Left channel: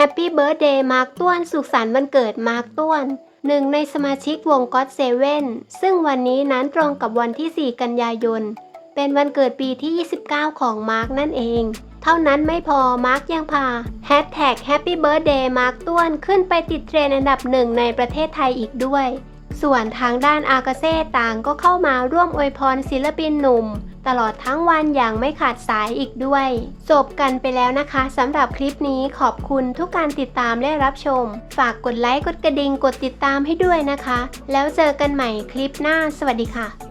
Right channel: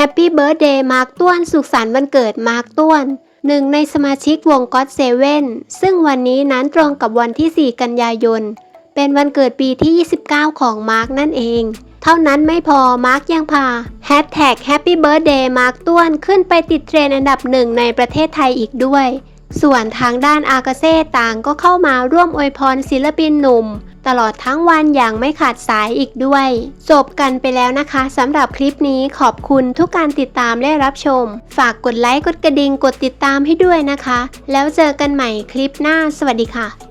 แฮปปี้เบิร์ดเดย์มาร์กต้วน สุขสันต์วันเกิดมาร์กต้วนหนึ่งในสมาชิกวงก็อตเซเว่นซึ่งวันนี้นั้นตรงกับวันที่ 4 กันยายน เป็นวันเกิดปีที่ 29 ของมาร์กนั่นเอง เท่านั้นไม่พอมาร์กยังพาแฮชแท็กแฮปปี้เบิร์ดเดย์มาร์กต้วนขึ้นไปติดเทรนด์อันดับหนึ่งในประเทศไทยอีกด้วย ส่วนทางด้านอากาเซ่ต่างก็เข้ามาร่วมอวยพรศิลปินหนุ่ม ตลอดทั้งวันอย่างไม่ขาดสายอีกด้วย จบกันไปแล้วนะคะสำหรับคลิปนี้ขอบคุณทุกการติดตามและรับชม ฝากกดไลค์กดกระดิ่งกดติดตามให้ด้วยนะคะ แล้วเจอกันใหม่คลิปหน้าสวัสดีค่ะ